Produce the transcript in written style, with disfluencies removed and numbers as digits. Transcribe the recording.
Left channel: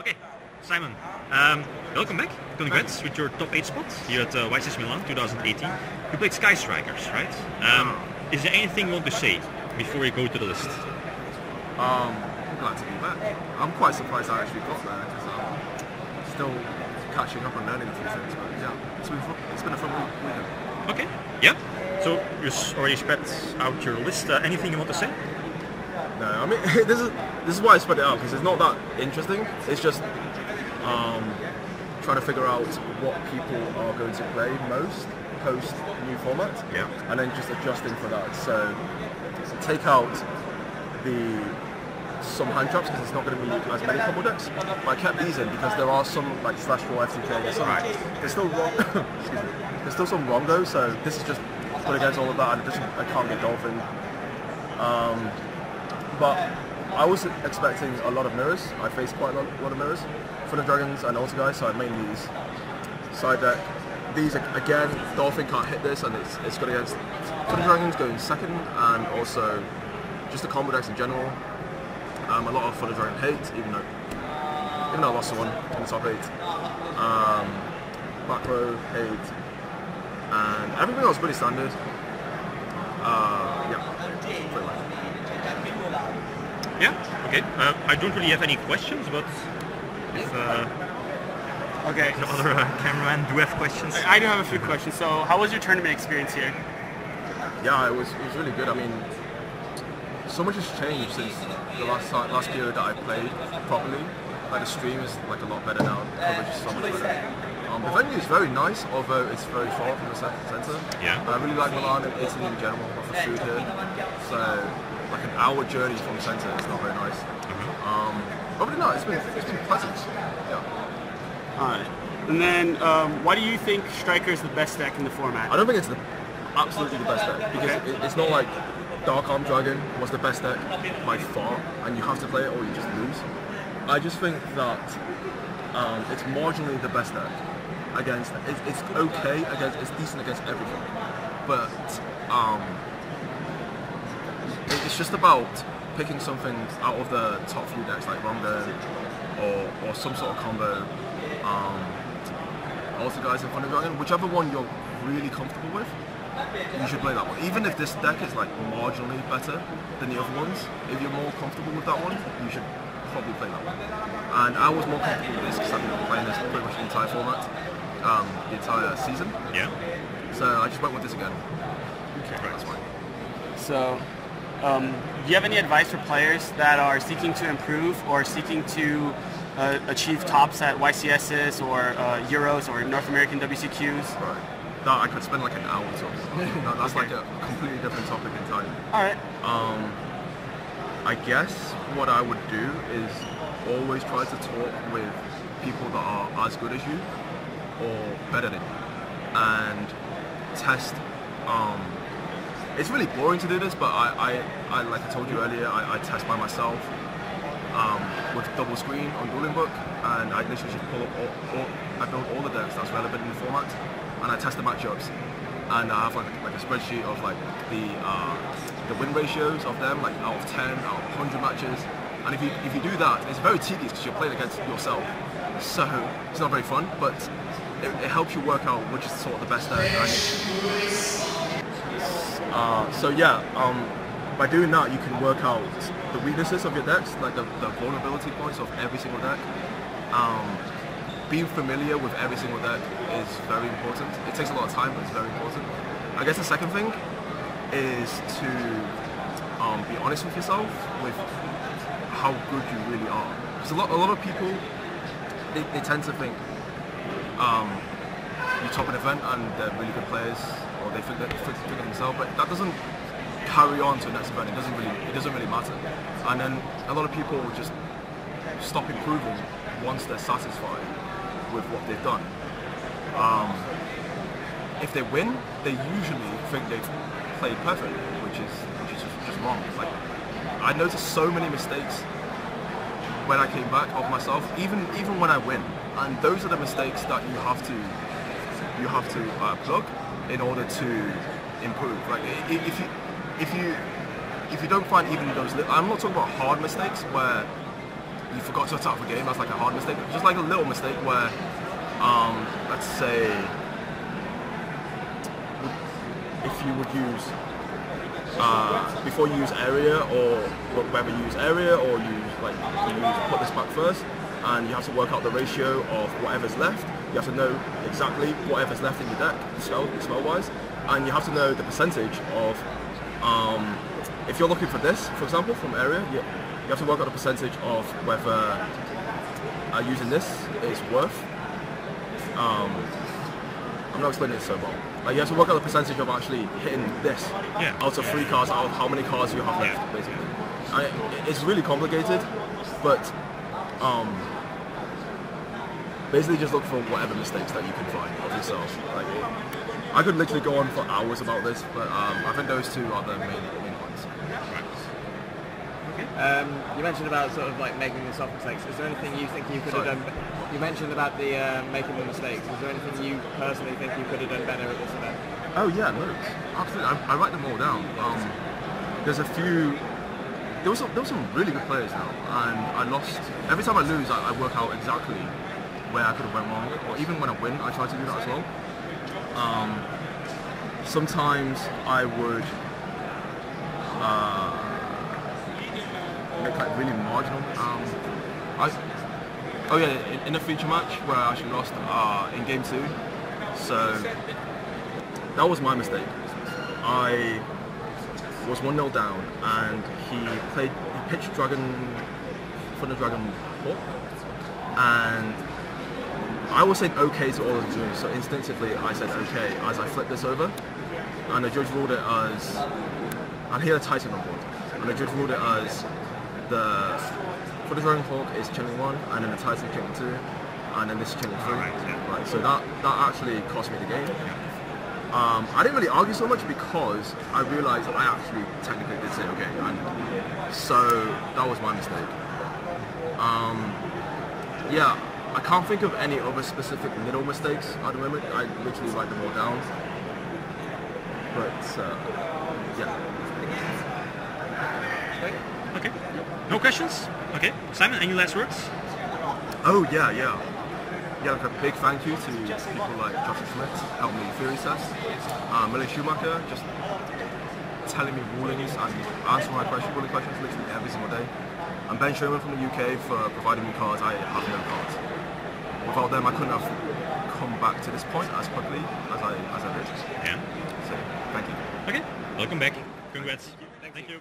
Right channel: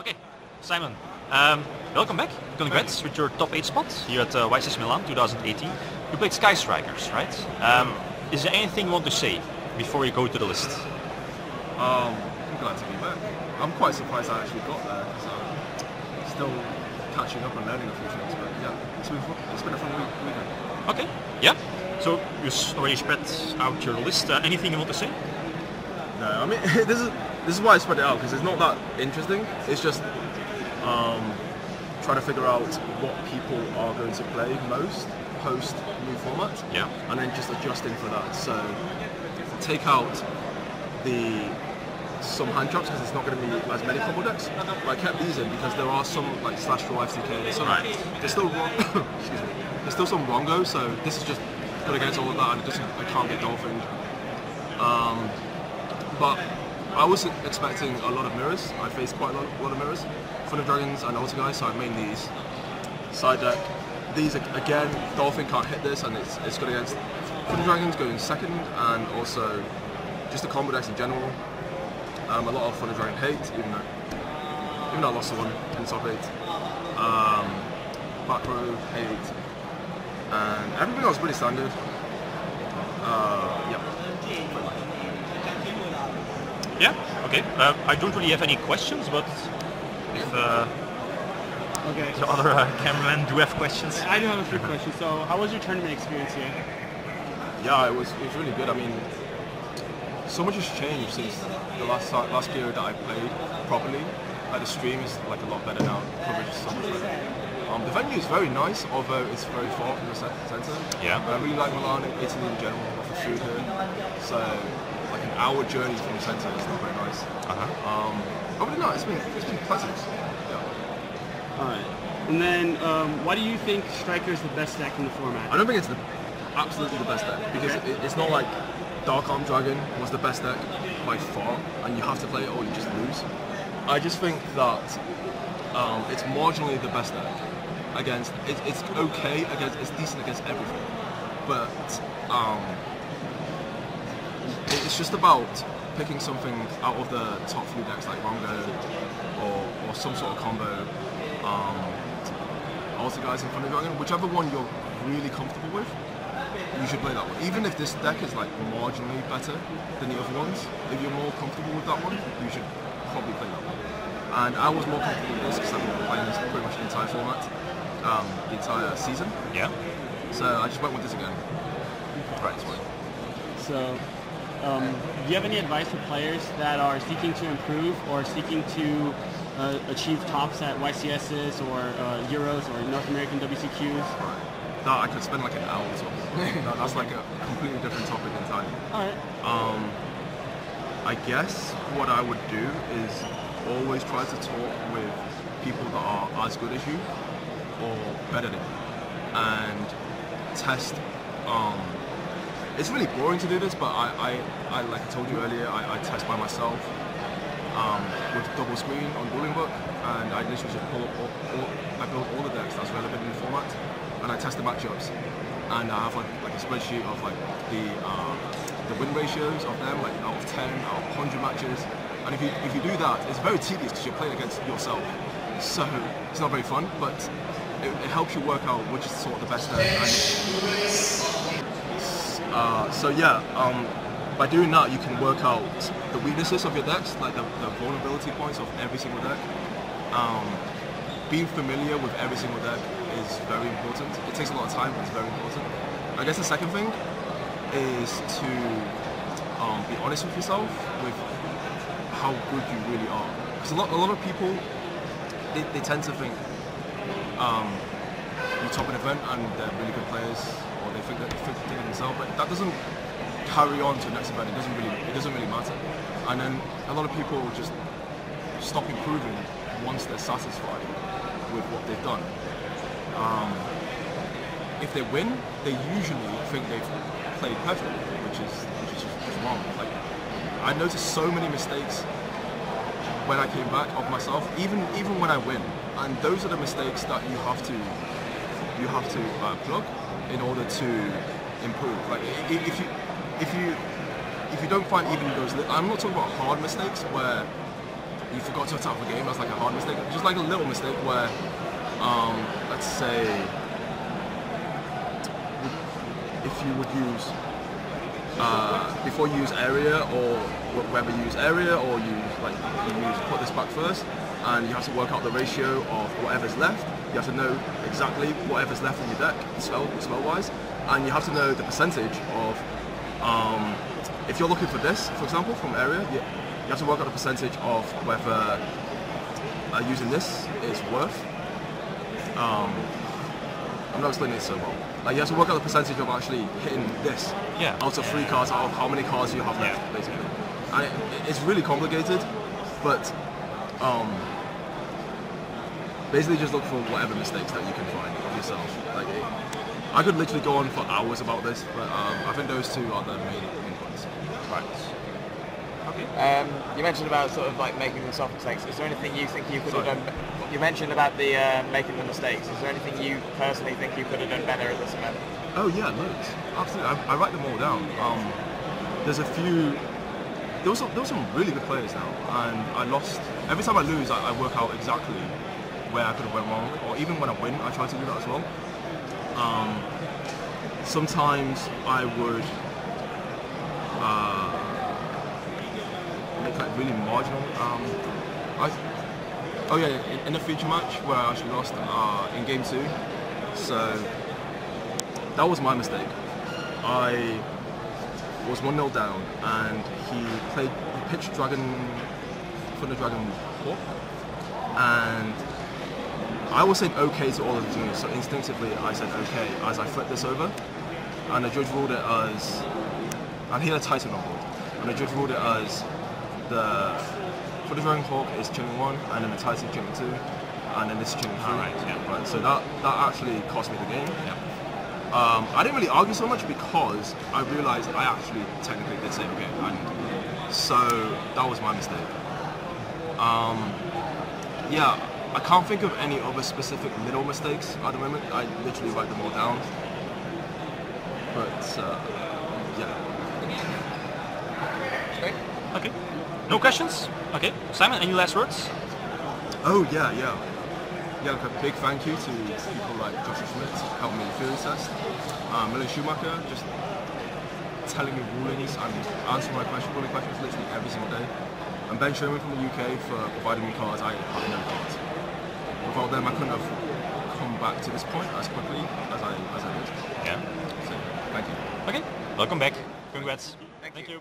Okay, Simon, welcome back. Congrats with your top 8 spot here at YCS Milan 2018. You played Sky Strikers, right? Is there anything you want to say before we go to the list? I'm glad to be back. I'm quite surprised I actually got there because I'm still catching up and learning a few things. But yeah, it's been a fun weekend. Okay, yeah. So you already spread out your list. Anything you want to say? No, I mean this is why I spread it out, because it's not that interesting. It's just trying to figure out what people are going to play most post new format. Yeah. And then just adjusting for that. So take out some hand traps because it's not going to be as many combo decks. But I kept these in because there are some like slash draw FTK. There's still wrong. Excuse me. There's still some wrongo. So this is just put against all of that, and I can't get Dolphin. But I was expecting a lot of mirrors. I faced quite a lot of mirrors. Thunder Dragons and Altar Guys, so I made these. Side deck. These, again, Dolphin can't hit this, and it's good against Thunder Dragons going second, and also just the combo decks in general. A lot of Thunder Dragon hate, even though I lost one in the top 8. Back row, hate, and everything else pretty standard. Yeah, pretty much. Yeah, okay. I don't really have any questions, but if okay. the other cameramen do have questions. I do have a few questions. So, how was your tournament experience here? Yeah, it was really good. I mean, so much has changed since the last period that I played properly. Like the stream is like a lot better now. The coverage is so much better. The venue is very nice, although it's very far from the centre. Yeah. And I really like Milan and Italy in general. Lots of food here. So like an hour journey from the centre is not very nice. Other than that, it's been pleasant. Yeah. Alright. And then, why do you think Striker is the best deck in the format? I don't think it's absolutely the best deck, because it's not like Dark Arm Dragon was the best deck by far, and you have to play it or you just lose. I just think that it's marginally the best deck against. It's okay against. It's decent against everything, but it's just about picking something out of the top few decks like Rongo or some sort of combo. Altar Guys and Thunder Dragon, whichever one you're really comfortable with, you should play that one. Even if this deck is like marginally better than the other ones, if you're more comfortable with that one, you should probably play that one. And I was more comfortable with this because I've been playing this pretty much the entire format, the entire season. Yeah. So I just went with this again. Okay. Right, that's why. So, do you have any advice for players that are seeking to improve or seeking to achieve tops at YCSs or Euros or North American WCQs? Right. That I could spend like an hour talking about. That's like a completely different topic entirely. Alright. I guess what I would do is always try to talk with people that are as good as you or better than you, and test. It's really boring to do this, but I like I told you earlier, I test by myself with double screen on Dueling Book, and I literally just pull up I build all the decks that's relevant in the format, and I test the matchups, and I have like a spreadsheet of like the win ratios of them, like out of 10, out of 100 matches. And if you do that, it's very tedious because you're playing against yourself, so it's not very fun. But it helps you work out which is sort of the best deck. So yeah, by doing that, you can work out the weaknesses of your decks, like the vulnerability points of every single deck. Being familiar with every single deck is very important. It takes a lot of time, but it's very important. I guess the second thing is to be honest with yourself with how good you really are. Because a lot of people, they tend to think you top an event and they're really good players, or they think of themselves, but that doesn't carry on to the next event. It doesn't really matter. And then a lot of people just stop improving once they're satisfied with what they've done. If they win, they usually think they've played perfectly, which is just wrong. Like, I noticed so many mistakes when I came back of myself, even when I win, and those are the mistakes that you have to plug in order to improve. Like if you don't find even those, I'm not talking about hard mistakes where you forgot to start the game. That's like a hard mistake. Just like a little mistake where, let's say, if you would use, before you use area, or whether you use area or put this back first, and you have to work out the ratio of whatever's left. You have to know exactly whatever's left in your deck, spell-wise, and you have to know the percentage of, if you're looking for this, for example, from area, you have to work out the percentage of whether using this is worth. I'm not explaining this so well. Like, you have to work out the percentage of actually hitting this out of 3 cards, out of how many cards you have left, basically. It's really complicated, but basically just look for whatever mistakes that you can find of yourself. Like, I could literally go on for hours about this, but I think those two are the main points. Right. Okay. You mentioned about sort of like making the soft mistakes. Is there anything you think you could have done? You mentioned about the making the mistakes. Is there anything you personally think you could have done better at this event? Oh yeah, loads. Absolutely. I write them all down. There's a few. There was some really good players now, and I lost. Every time I lose, I work out exactly where I could have went wrong, or even when I win, I try to do that as well. Sometimes I would make like really marginal. In a feature match where I actually lost in game 2, so that was my mistake. I was 1-0 down, and he pitched Thunder Dragon Hawk, and I was saying okay to all of the moves, so instinctively I said okay as I flipped this over, and the judge ruled it as, and he had a Titan on board, and the judge ruled it as the Thunder Dragon Hawk is chilling 1, and then the Titan chilling 2, and then this is chilling 3. Right, so that actually cost me the game. I didn't really argue so much because I realized I actually technically did say okay, and so that was my mistake. Yeah, I can't think of any other specific little mistakes at the moment. I literally write them all down. But yeah. Okay. No questions? Okay. Simon, any last words? Oh yeah. Like a big thank you to people like Joshua Schmidt, helped me Fury Test, Milan Schumacher, just telling me rulings and answering my ruling questions literally every single day, and Ben Sherman from the UK for providing me cards. I have no cards. Without them, I couldn't have come back to this point as quickly as I did. Yeah. So thank you. Okay. Welcome back. Congrats. Thank you.